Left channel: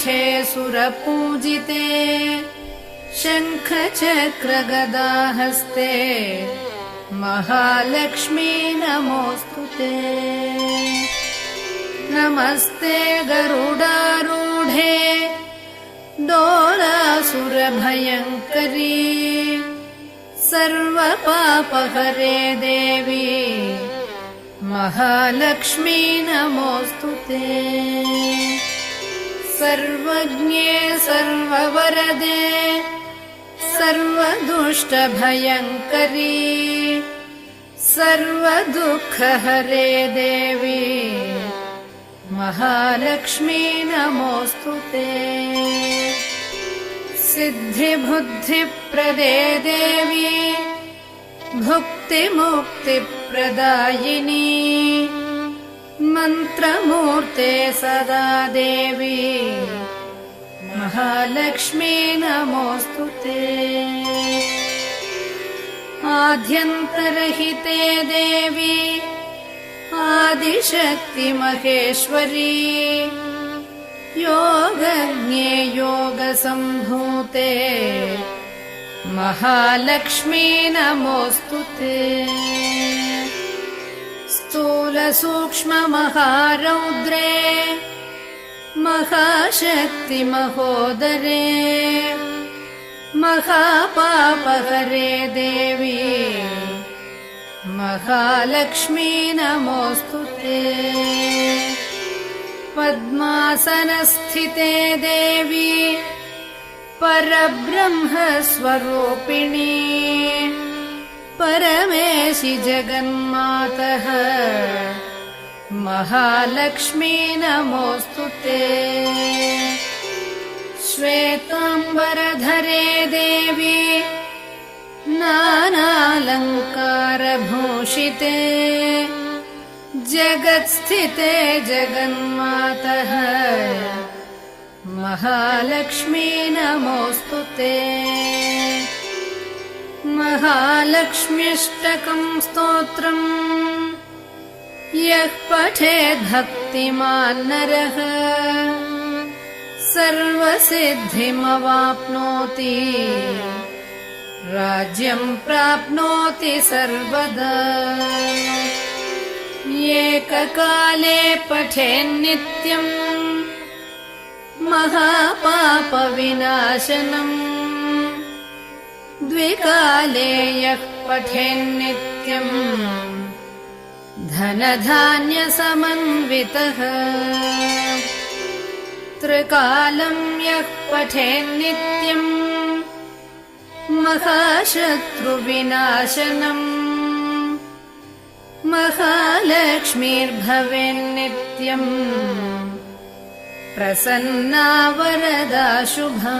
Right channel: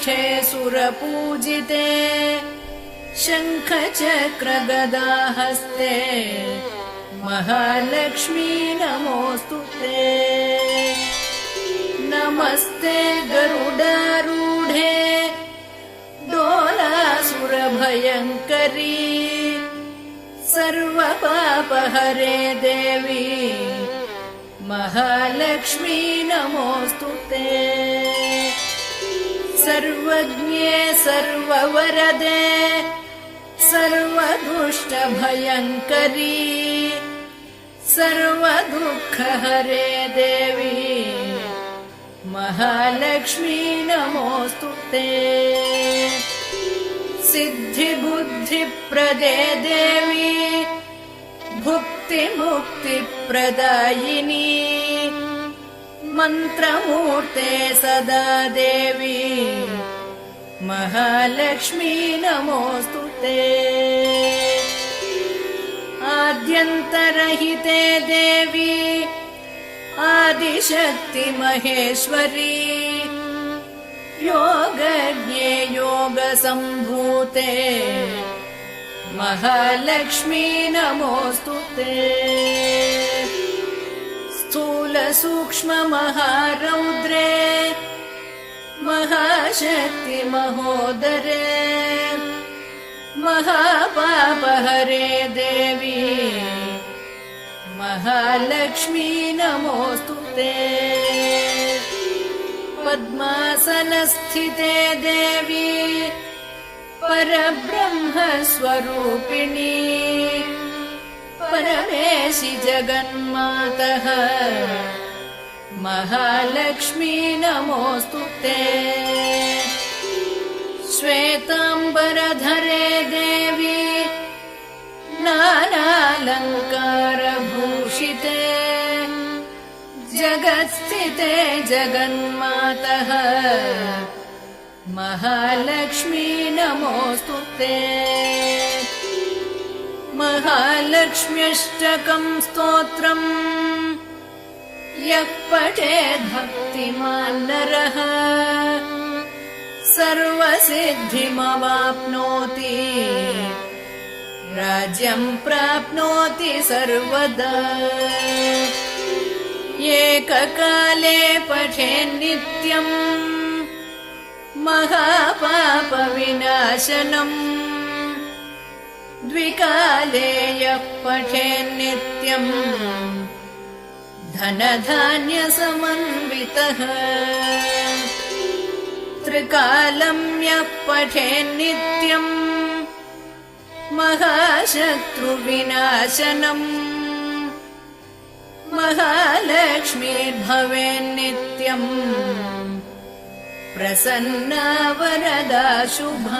पीठे सुरपूजिते शङ्खचक्रगदाहस्ते महालक्ष्मी नमोऽस्तुते। नमस्ते गरुडारूढे डोलासुरभयङ्करी सर्वपापहरे देवी महालक्ष्मी नमोऽस्तुते। सर्वज्ञे सर्ववरदे सर्वदुष्टभयङ्करी सर्वदुःखहरे देवी महालक्ष्मी नमोऽस्तुते। सिद्धिबुद्धिप्रदे देवी भुक्तिमुक्तिप्रदायिनी मन्त्रमूर्ते सदा देवी महालक्ष्मी नमोऽस्तुते। आद्यन्तरहिते देवी आदिशक्ति महेश्वरी योगज्ञे योगसम्भूते महालक्ष्मी नमोऽस्तुते। स्थूलसूक्ष्ममहारौद्रे महाशक्ति महोदरे महापापहरे देवी महालक्ष्मी नमोऽस्तुते। पद्मासनस्थिते देवी परब्रह्मस्वरूपिणी परमेशि जगन्मातः महालक्ष्मी नमोऽस्तुते। श्वेताम्बरधरे देवी नानालङ्कारभूषिते जगत्स्थिते जगन्मातः महालक्ष्मी नमोऽस्तुते। महालक्ष्म्यष्टकं स्तोत्रम् यः पठेत् भक्तिमान् नरः सर्वसिद्धिमवाप्नोति राज्यं प्राप्नोति सर्वदा। एककाले पठेन्नित्यम् महापापविनाशनम् द्विकाले यः पठेन्नित्यम् धनधान्यसमन्वितः त्रिकालं यः पठेन्नित्यम् महाशत्रुविनाशनम् महालक्ष्मीर्भवेन्नित्यम् प्रसन्ना वरदा शुभा।